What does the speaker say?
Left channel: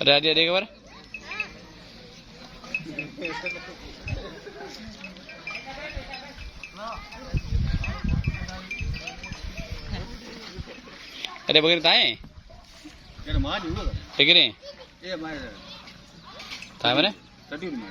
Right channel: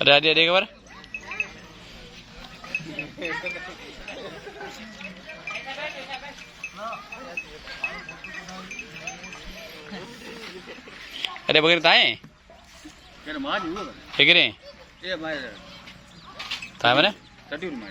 अरे अरे अरे खबर अरे बगैर ताए करे मां जी हेगरे ए मां ताए मने कटी में